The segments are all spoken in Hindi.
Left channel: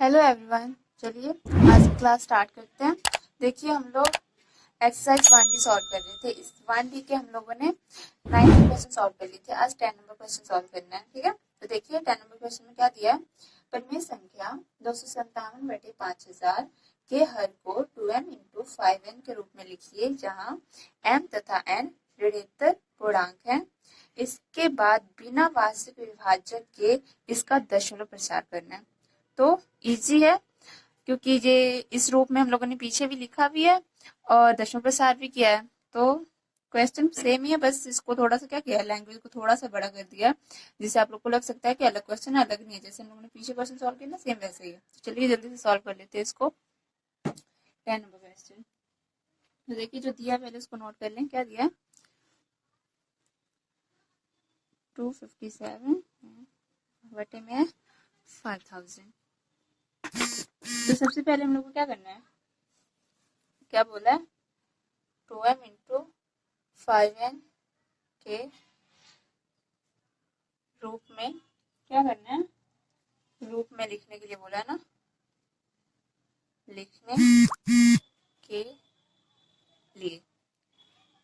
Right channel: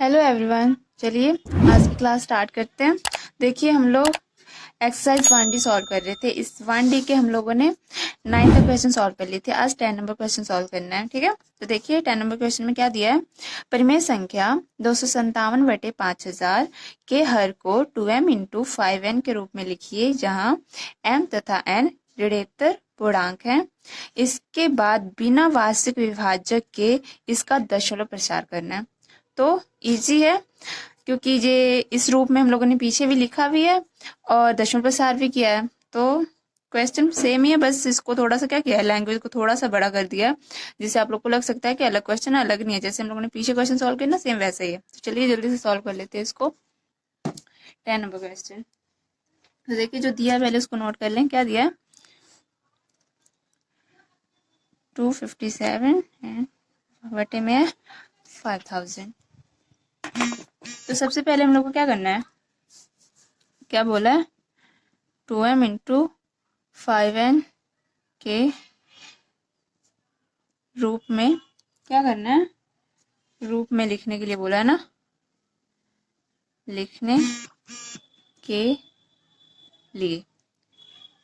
हेलो एवरीवन, चलिए आज की क्लास स्टार्ट करते हैं। देखिए हम लोग एक्सरसाइज 1D सॉल्व कर रहे थे। इस 1D के हम लोगों ने 9 नंबर क्वेश्चन सॉल्व कर लिए थे। आज 10 नंबर क्वेश्चन सॉल्व करना है, ठीक है। तो देखिए 10 नंबर क्वेश्चन में क्या दिया है। परिमेय संख्या 257/5000 के हर को 2m इंटू 5n के रूप में लिखिए, जहाँ m तथा n ऋणात्मक पूर्णांक है। इसके बाद बिना वास्तविक विभाजक के इसका दशमलव प्रसार करना है। तो इजी है, क्योंकि ये इस रूप में हम लोगों ने पीछे भी लिखा भी है और दशमलव प्रसार भी किया है। तो क्वेश्चन सेम ही है, बस इसको थोड़ा सा क्या किया है, लैंग्वेज को थोड़ा सा बड़ा कर दिया है, जिससे आप लोग को लग सकता है कि अलग क्वेश्चन है। अलग नहीं है, जैसे हम लोगों ने पीछे क्वेश्चन सॉल्व किया ना, सेम वैसा ही है। तो चलिए जल्दी से सॉल्व कर लेते हैं इसको। 10 नंबर क्वेश्चन तो देखिए जो दिया है पहले उसको नोट कर लें। क्या दिया है, 257 बटे में 5000। तो सबसे पहले हम लोग को क्या करना है, क्या बोला है, 2m इंटू 5n के रूप में क्या करना है, रूप में लिखने के लिए बोला है ना, लिखने के लिए,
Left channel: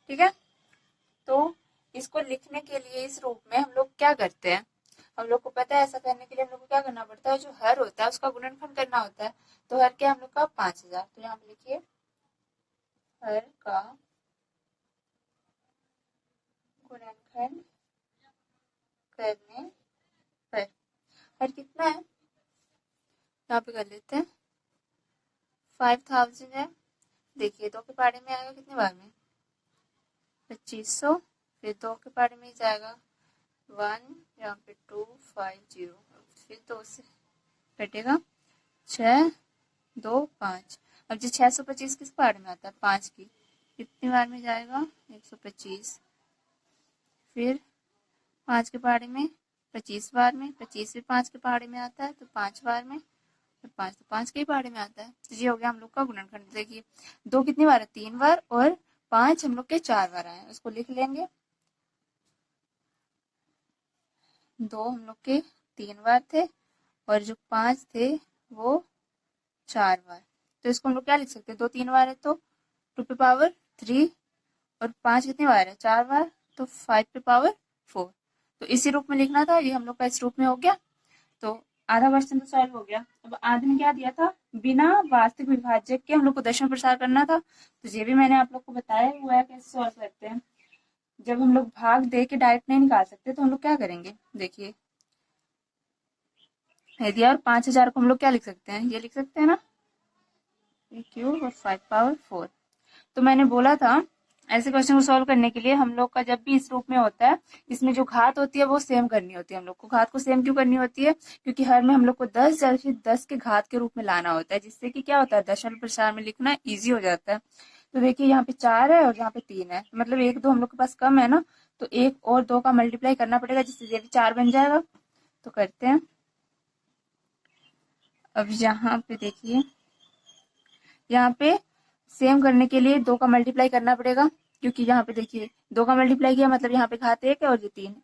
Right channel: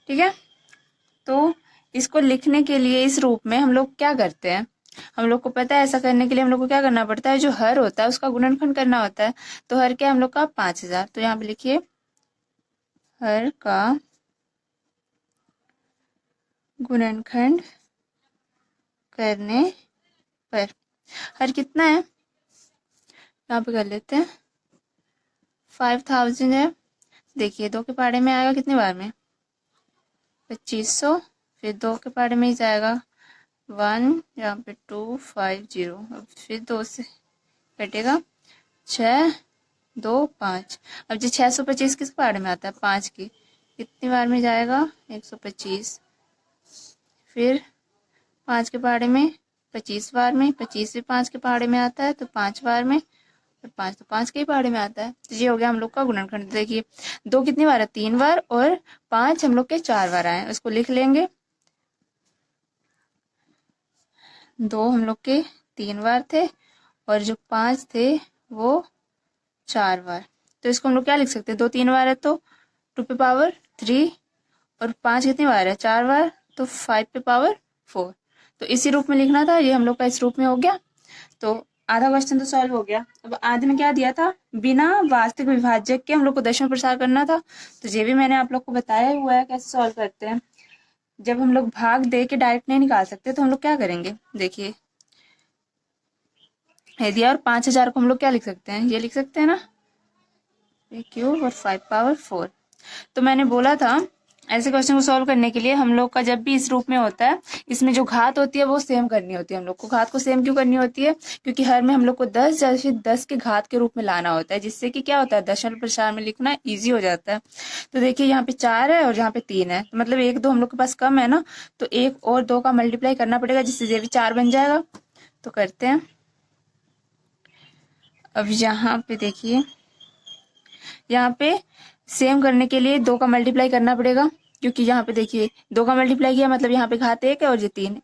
ठीक है। तो इसको लिखने के लिए इस रूप में हम लोग क्या करते हैं, हम लोग को पता है ऐसा करने के लिए हम लोग को क्या करना पड़ता है, जो हर होता है उसका गुणनखंड करना होता है। तो हर क्या हम लोग का 5000, तो यहाँ पे लिखिए हर का गुणनखंड करने पर हर कितना है, यहाँ पे कर लेते हैं 5000 है। देखिए 2 के पहाड़े में आएगा कितने बार में, 2500। फिर 2 के पहाड़े में ही जाएगा 1, यहाँ पे 250। अब फिर 2 से कटेगा 6, 2, 5। अब जो 625 किस पहाड़े में आता है, 5 की, कितनी बार में जाएगा, 125। फिर 5 के पहाड़े में 25 बार में, 25 भी 5 के पहाड़े में आता है तो 5 बार में, और 5 तो 5 के ही पहाड़े में आता है। तो ये हो गया हम लोग का गुणनखंड। देखिए 2 कितनी बार है, 3 बार, और 5 हम लोग के 4 बार आए, उसको लिख लेंगे। 2 हम लोग के 3 बार थे और जो 5 थे वो 4 बार। तो इसको हम लोग क्या लिख सकते हैं, 2 3 बार है तो 2 पे पावर 3, और 5 कितनी बार है, 4 बार, तो 5 पे पावर 4। तो इसी रूप में लिखना था, ये हम लोग का इस रूप में हो गया। तो आधा क्वेश्चन तो सॉल्व हो गया। अब आधे में क्या दिया था, बिना वास्तविक विभाजक के हम लोग को दशमलव प्रसार करना था। तो ये भी मैंने आप लोग को बताया हुआ है कैसे सॉल्व करते हैं। जब हम लोग भाग दे के डायरेक्ट नहीं निकाल सकते तो हम लोग क्या करेंगे, देखिए है दिया, और 5000 को हम लोग क्या लिख सकते हैं, ये लिख सकते हैं ना, क्यूब और 5 पावर 4। तो मैंने बोला था ऐसे क्वेश्चन को सॉल्व करने के लिए हम लोग का जब भी इस रूप में होता है, इसमें जो घात होती है वो सेम करनी होती है। हम लोग को घात को सेम क्यों करनी होती है, क्योंकि हर में हम लोग को 10 या फिर 10 के घात के रूप में लाना होता है, जिससे कि क्या होता है, दशमलव प्रसार में लिखना इजी हो जाता है। तो देखिए यहाँ पे 4 है और यहाँ पे 3 है, तो मतलब 1 2 हम लोग के पास कम है ना, तो 1 और 2 का मल्टीप्लाई करना पड़ेगा, जिससे ये भी 4 बन जाएगा। तो करते हैं। अब यहाँ पे देखिए, यहाँ पे सेम करने के लिए 2 का मल्टीप्लाई करना पड़ेगा, क्योंकि यहाँ पे देखिए 2 का मल्टीप्लाई किया मतलब यहाँ पे घात 1 है और ये 3,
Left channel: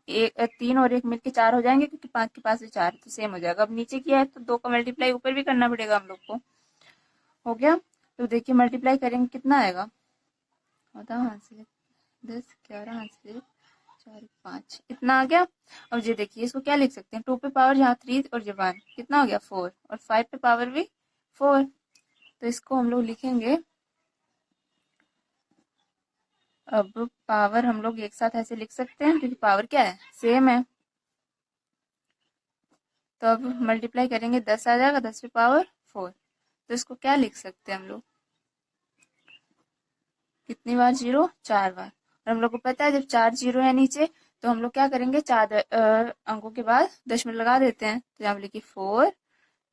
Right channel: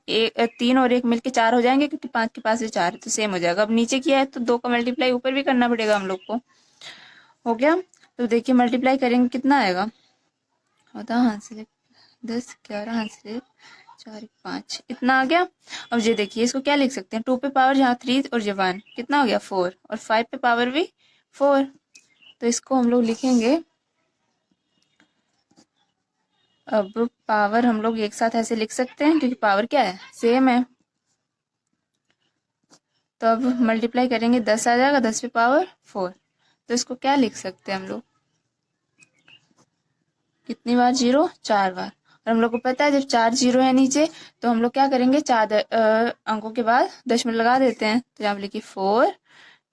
3 और 1 मिलके 4 हो जाएंगे, क्योंकि 5 के पास ये 4 है तो सेम हो जाएगा। अब नीचे किया है तो 2 का मल्टीप्लाई ऊपर भी करना पड़ेगा हम लोग को। हो गया। तो देखिए मल्टीप्लाई करेंगे कितना आएगा, होता हाथ से 10 11 हाथ से 4 5, इतना आ गया। अब ये देखिए इसको क्या लिख सकते हैं, 2 पे पावर यहाँ 3 और ये 1, कितना हो गया 4, और 5 पे पावर भी 4। तो इसको हम लोग लिखेंगे, अब पावर हम लोग एक साथ ऐसे लिख सकते हैं क्योंकि पावर क्या है, सेम है। तो अब मल्टीप्लाई करेंगे 10 आ जाएगा, 10 पे पावर 4। तो इसको क्या लिख सकते हैं हम लोग, कितनी बार 0, 4 बार। और हम लोग को पता है जब 4 0 है नीचे, तो हम लोग क्या करेंगे, 4 अंकों के बाद दशमलव लगा देते हैं। तो यहाँ पे लिखिए 4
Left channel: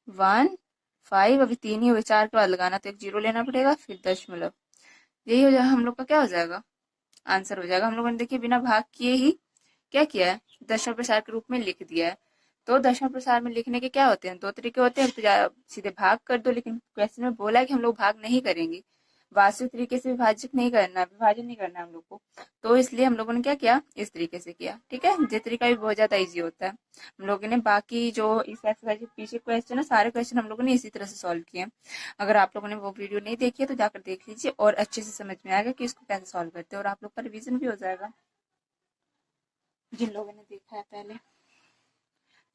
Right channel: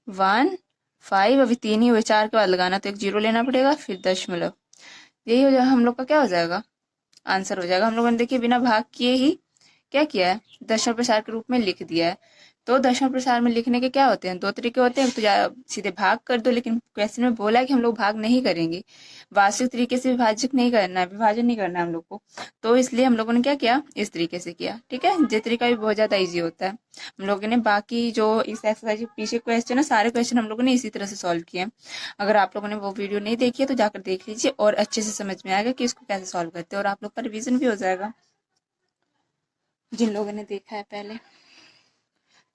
1 5, अभी 3 ही हुए, 4 के बाद लगाना तो एक 0 लेना पड़ेगा, फिर दशमलव। यही हो जाएगा हम लोग का, क्या हो जाएगा, आंसर हो जाएगा। हम लोगों ने देखिए बिना भाग किए ही क्या किया है, दशमलव प्रसार के रूप में लिख दिया है। तो दशमलव प्रसार में लिखने के क्या होते हैं, दो तरीके होते हैं। एक तो सीधे भाग कर दो, लेकिन क्वेश्चन में बोला है कि हम लोग भाग नहीं करेंगे, वास्तविक तरीके से विभाजित नहीं करना है, विभाजन नहीं करना है हम लोग को। तो इसलिए हम लोगों ने क्या किया, इस तरीके से किया। ठीक है, ये तरीका भी बहुत ज्यादा ईजी होता है। हम लोगों ने बाकी जो इस एक्सरसाइज के पीछे क्वेश्चन है, सारे क्वेश्चन हम लोगों ने इसी तरह से सॉल्व किए हैं। अगर आप लोगों ने वो वीडियो नहीं देखी है तो जाकर देख लीजिए, और अच्छे से समझ में आएगा कि इसको कैसे सॉल्व करते हैं, और आप लोग का रिविजन भी हो जाएगा जिन लोगों ने देखा है पहले।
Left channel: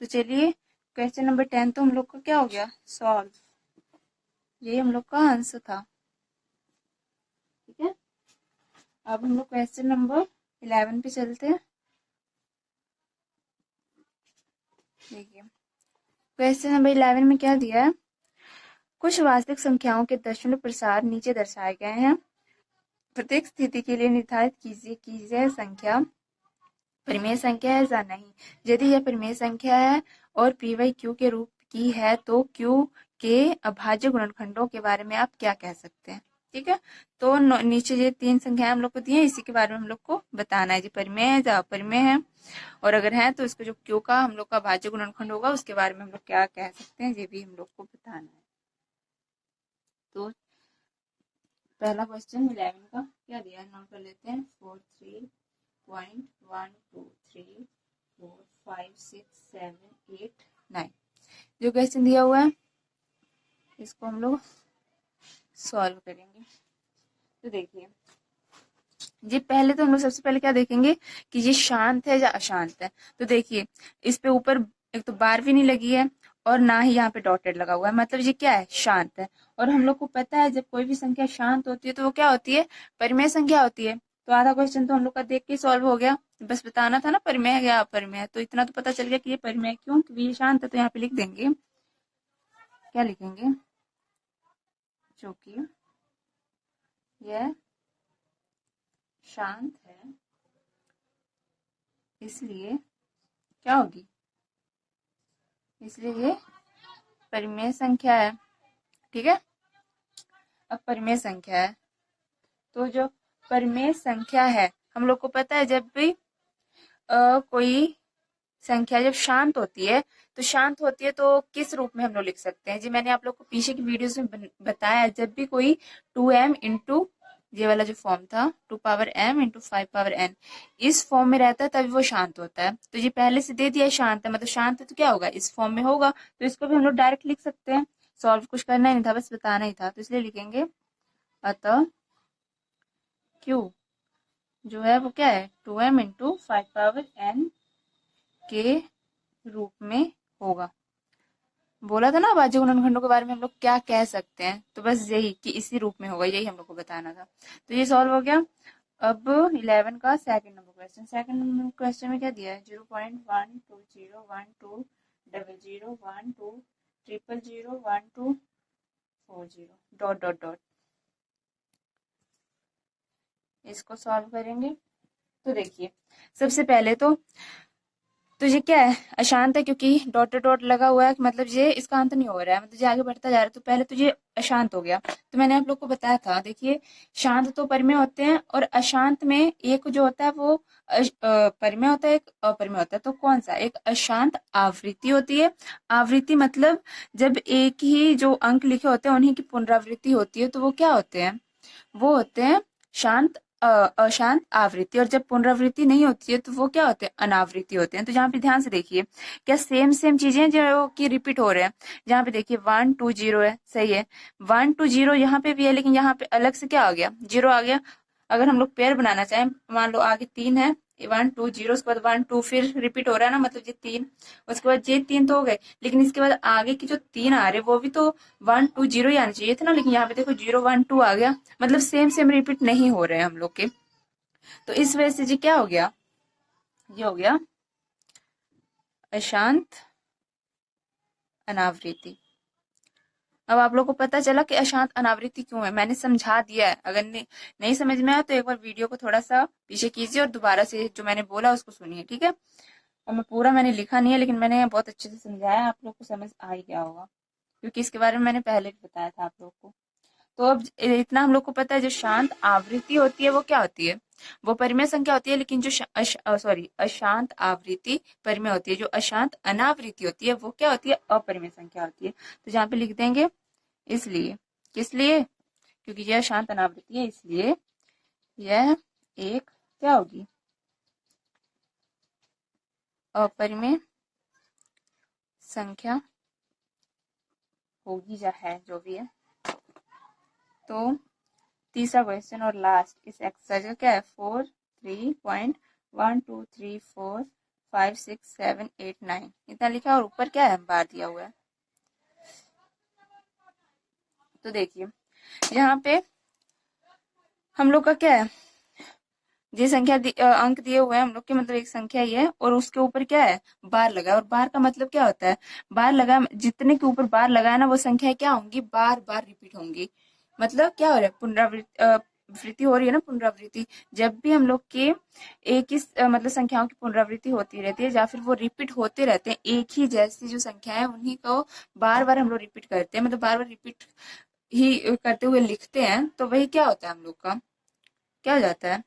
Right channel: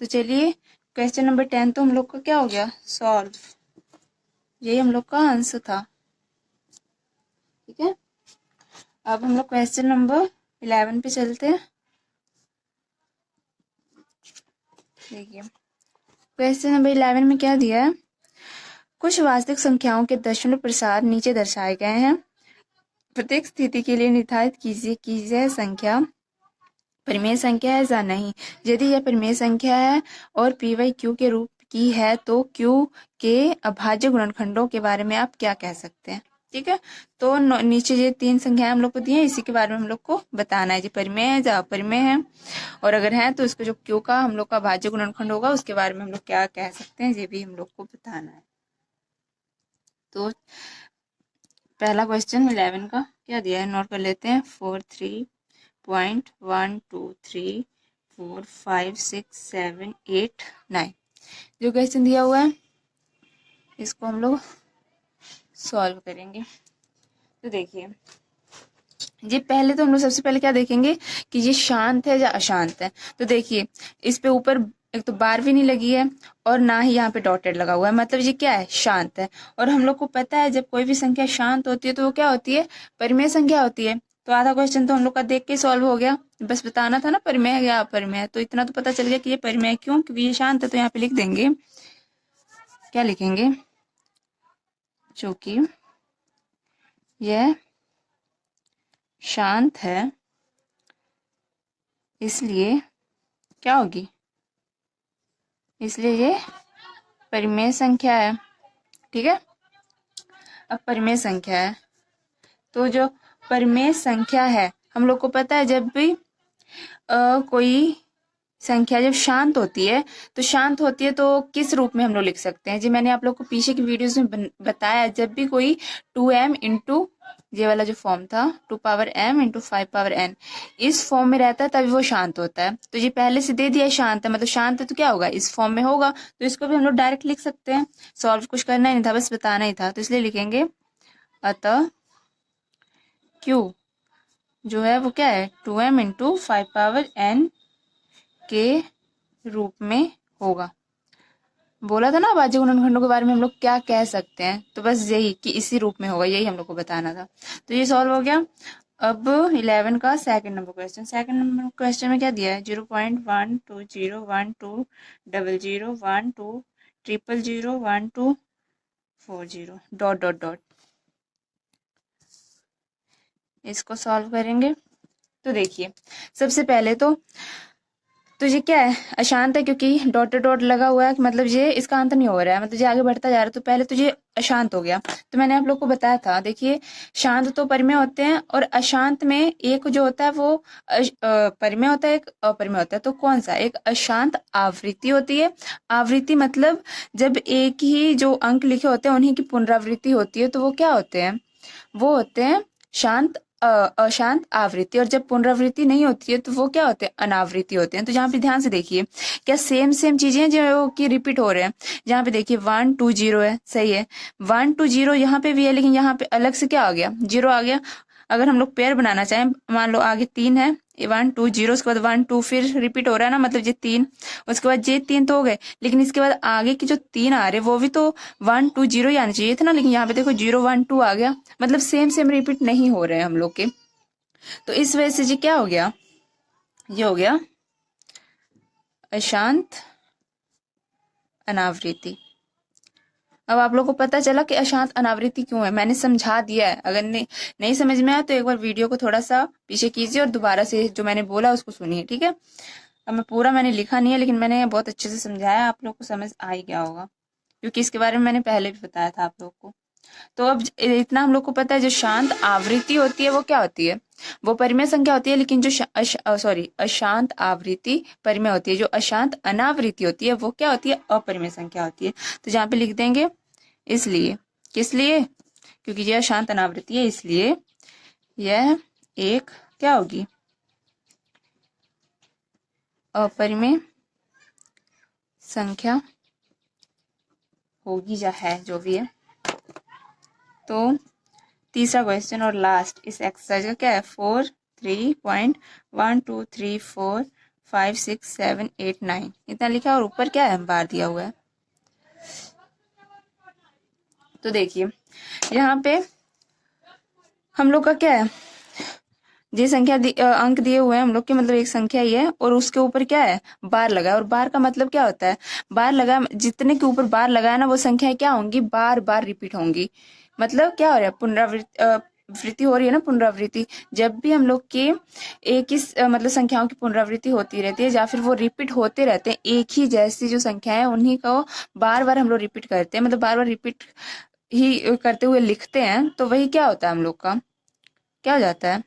तो चलिए, क्वेश्चन नंबर 10 तो हम लोग का क्या हो गया, सॉल्व। यही हम लोग का आंसर था। ठीक है, अब हम लोग क्वेश्चन नंबर 11 पे चलते हैं। देखिए, क्वेश्चन नंबर 11 में क्या दिया है, कुछ वास्तविक संख्याओं के दशमलव प्रसार नीचे दर्शाए गए हैं। प्रत्येक स्थिति के लिए निर्धारित कीजिए कि यह संख्या परिमेय संख्या है या नहीं। यदि यह परिमेय संख्या है और पी वाई क्यू के रूप की है तो क्यू के अभाज्य गुणनखंडों के बारे में आप क्या कह सकते हैं। ठीक है, तो नीचे ये 3 संख्याएं हम लोग को दी हैं, इसी के बारे में हम लोग को बताना है, जी परिमेय है या अपरिमेय है, और अगर है तो इसको जो क्यू का हम लोग का अभाज्य गुणनखंड होगा उसके बारे में हम लोग क्या कह सकते हैं, ये भी हम लोग को बताना है। तो पहला क्वेश्चन 11 का क्या दिया है, नोट कर लेते हैं। 43.123456789 जो क्वेश्चन दिया हुआ है इसको हम लोग सॉल्व करेंगे। तो देखिए, ये पहले तो हम लोग सबसे पहले क्या देखेंगे कि ये शांत है या अशांत है। तो देखिए, इस पे ऊपर एक तो बार भी नहीं लगी है और ना ही यहाँ पे डॉटेड लगा हुआ है, मतलब ये क्या है, शांत है। और हम लोग को पता है जब कोई भी संख्या शांत होती है तो वो क्या होती है, परिमेय संख्या होती है। तो आधा क्वेश्चन तो हम लोग का देख के सॉल्व हो गया, बस बताना था ना परिमेय है या अपरिमेय है। तो इतना तो पता चल गया कि ये परिमेय क्यों, क्योंकि ये शांत है। तो यहाँ पे लिख देंगे, क्या लिखेंगे, चूंकि यह शांत है इसलिए क्या होगी, इसलिए ये परिमेय संख्या है। ठीक है, अब परिमेय संख्या है तो जो परिमेय संख्या है, हम लोग को पता है जब भी कोई संख्या जब शांत होती है तो शांत होती है तो किस रूप में हम लोग लिख सकते हैं, जी मैंने आप लोग को पीछे की वीडियोस में बताया, जब भी कोई 2m इंटू ये वाला जो फॉर्म था 2 power m into 5 power n इस फॉर्म में रहता है तभी वो शांत होता है। तो ये पहले से दे दिया शांत है, मतलब शांत है तो क्या होगा, इस फॉर्म में होगा। तो इसको भी हम लोग डायरेक्ट लिख सकते हैं, सॉल्व कुछ करना ही नहीं था, बस बताना ही था। तो इसलिए लिखेंगे, अतः क्यू जो है वो क्या है, 2m इंटू 5 पावर n के रूप में होगा। बोला था ना अभाज्य गुणनखंडों के बारे में हम लोग क्या कह सकते हैं, तो बस यही कि इसी रूप में होगा, यही हम लोग को बताना था। तो ये सॉल्व हो गया। अब 11 का second number question, second number question में क्या दिया है, 0.120120012000040 डॉट डॉट डॉट, इसको सॉल्व करेंगे। तो देखिए, सबसे पहले तो ये क्या है, अशांत है, क्योंकि डॉट डॉट लगा हुआ है, मतलब ये इसका अंत नहीं हो रहा है, मतलब ये आगे बढ़ता जा रहा है। तो पहले तो ये अशांत हो गया। तो मैंने आप लोग को बताया था, देखिए शांत तो परिमेय होते हैं और अशांत में एक जो होता है वो परिमेय होता है, एक अपरिमेय होता है। तो कौन सा, एक अशांत आवृत्ति होती है। आवृत्ति मतलब जब एक ही जो अंक लिखे होते हैं उन्हीं की पुनरावृत्ति होती है तो वो क्या होते हैं, वो होते हैं शांत अशांत आवृत्ति। और जब पुनरावृत्ति नहीं होती है तो वो क्या होते हैं, अनावृत्ति होते हैं। तो जहाँ पे ध्यान से देखिए, क्या सेम सेम चीजें जो कि रिपीट हो रहे हैं। जहाँ पे देखिए 120 है, सही है, 120 यहाँ पे भी है, लेकिन यहाँ पे अलग से क्या आ गया, 0 आ गया। अगर हम लोग पेयर बनाना चाहें, मान लो आगे 3 है, 120 उसके बाद 1 2 फिर रिपीट हो रहा है ना, मतलब ये 3, उसके बाद ये 3 तो हो गए, लेकिन इसके बाद आगे की जो 3 आ रहे वो भी तो 120 ही आना चाहिए थे ना, लेकिन यहाँ पे देखो 0 1 2 आ गया, मतलब सेम सेम रिपीट नहीं हो रहे हैं हम लोग के। तो इस वजह से जी क्या हो गया, ये हो गया अशांत अनावृत्ति। अब आप लोग को पता चला कि अशांत अनावृत्ति क्यों है, मैंने समझा दिया है। अगर नहीं समझ में आया तो एक बार वीडियो को थोड़ा सा पीछे कीजिए और दोबारा से जो मैंने बोला उसको सुनिए। ठीक है, अब मैं पूरा मैंने लिखा नहीं है, लेकिन मैंने बहुत अच्छे से समझाया, आप लोग को समझ आ ही गया होगा, क्योंकि इसके बारे में मैंने पहले भी बताया था आप लोग को। तो अब इतना हम लोग को पता है, जो शांत आवृत्ति होती है वो क्या होती है, वो परिमेय संख्या होती है। लेकिन जो अशांत आवृत्ति परिमेय होती है, जो अशांत अनावृत्ति होती है वो क्या होती है, अपरिमेय संख्या होती है। तो जहाँ पे लिख देंगे इसलिए, किस लिए, क्योंकि यह अशांत अनावृत्ति है, इसलिए यह एक क्या होगी, अपरिमेय संख्या होगी, या है, जो भी है। तो तीसरा क्वेश्चन और लास्ट इस एक्सरसाइज का क्या है, 4, 3.1, 2, 3, 4, 5, 6, 7, 8, 9 इतना लिखा है, और ऊपर क्या है, बार दिया हुआ है। तो देखिए यहाँ पे हम लोग का क्या है, ये संख्या अंक दिए हुए हैं हम लोग के, मतलब एक संख्या ही है, और उसके ऊपर क्या है, बार लगा है। और बार का मतलब क्या होता है, बार लगा, जितने के ऊपर बार लगा है ना, वो संख्या क्या होंगी, बार बार रिपीट होंगी। मतलब क्या हो रहा है, पुनरावृत्ति हो रही है ना, पुनरावृत्ति। जब भी हम लोग के एक ही मतलब संख्याओं की पुनरावृत्ति होती रहती है, या फिर वो रिपीट होते रहते हैं, एक ही जैसी जो संख्या है उन्हीं को बार बार हम लोग रिपीट करते हैं, मतलब बार बार रिपीट ही करते हुए लिखते हैं, तो वही क्या होता है, हम लोग का क्या हो जाता है,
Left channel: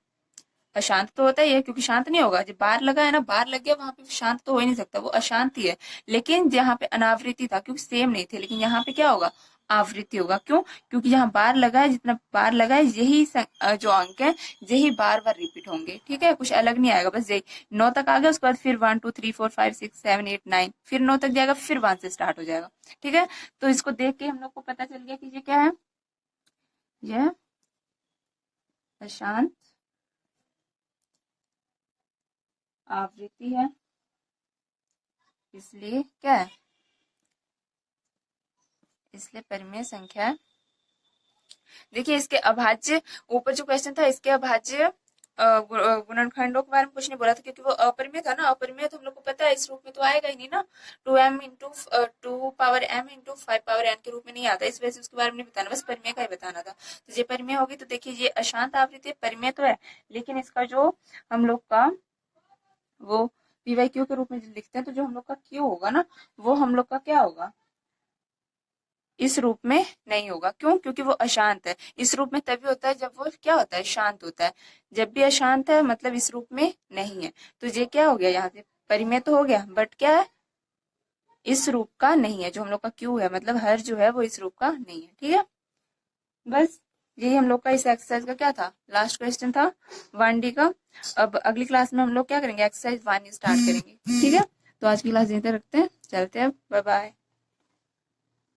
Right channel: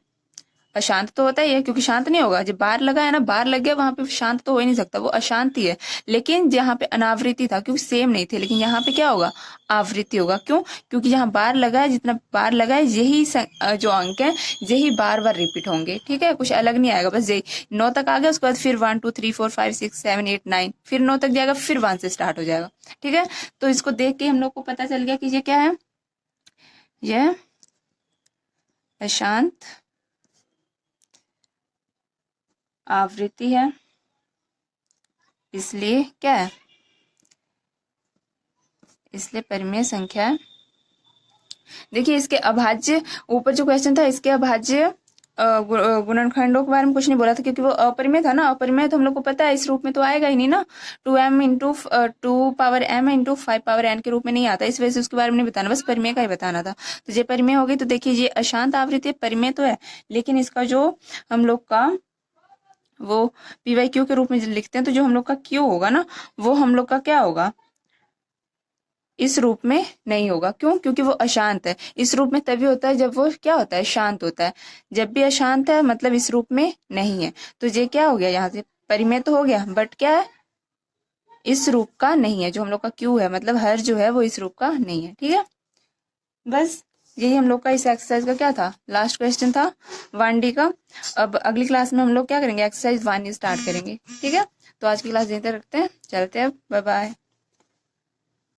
अशांत तो होता ही है, क्योंकि शांत नहीं होगा। जब बार लगा है ना, बार लग गया, वहां पे शांत तो हो ही नहीं सकता, वो अशांति है। लेकिन यहाँ पे अनावृत्ति था, क्योंकि सेम नहीं थे, लेकिन यहाँ पे क्या होगा, आवृत्ति होगा। क्यों, क्योंकि यहाँ बार लगा है, जितना बार लगा है यही जो अंक है यही बार बार रिपीट होंगे। ठीक है, कुछ अलग नहीं आएगा, बस यही 9 तक आ गया, उसके बाद फिर 1 2 3 4 5 6 7 8 9, फिर 9 तक जाएगा, फिर 1 से स्टार्ट हो जाएगा। ठीक है, तो इसको देख के हम लोग को पता चल गया कि ये क्या है, यह अशांत आवृत्ति है, इसलिए क्या है, इसलिए परिमेय संख्या है। देखिए इसके अभाज्य, ऊपर जो क्वेश्चन था इसके अभाज्य गुणनखंडों के बारे में कुछ नहीं बोला था, क्योंकि वो अपरिमेय था ना। अपरिमेय तो हम लोग को पता है इस रूप में तो आएगा ही नहीं ना, 2m into 2 power m into 5 power n के रूप में नहीं आता, इस वजह से उसके बारे में नहीं बताना, बस परिमेय का ही बताना था। तो ये परिमेय हो गई। तो देखिए ये अशांत आवृत्ति परिमेय तो है, लेकिन इसका जो हम लोग का वो py/q के रूप में लिखते हैं, तो जो हम लोग का q होगा ना, वो हम लोग का क्या होगा, इस रूप में नहीं होगा। क्यों, क्योंकि वो अशांत है। इस रूप में तभी होता है जब वो क्या होता है, शांत होता है। जब भी अशांत है मतलब इस रूप में नहीं है। तो ये क्या हो गया, यहाँ से परिमेय तो हो गया, बट क्या है, इस रूप का नहीं है। जो हम लोग का क्यू है, मतलब हर जो है वो इस रूप का नहीं है। ठीक है, बस यही हम लोग का इस एक्सरसाइज का क्या था, लास्ट क्वेश्चन था 1D का। अब अगली क्लास में हम लोग क्या करेंगे, एक्सरसाइज 1 स्टार्ट करेंगे। ठीक है, तो आज की क्लास यहीं तक रखते हैं, चलते हैं, बाय बाय।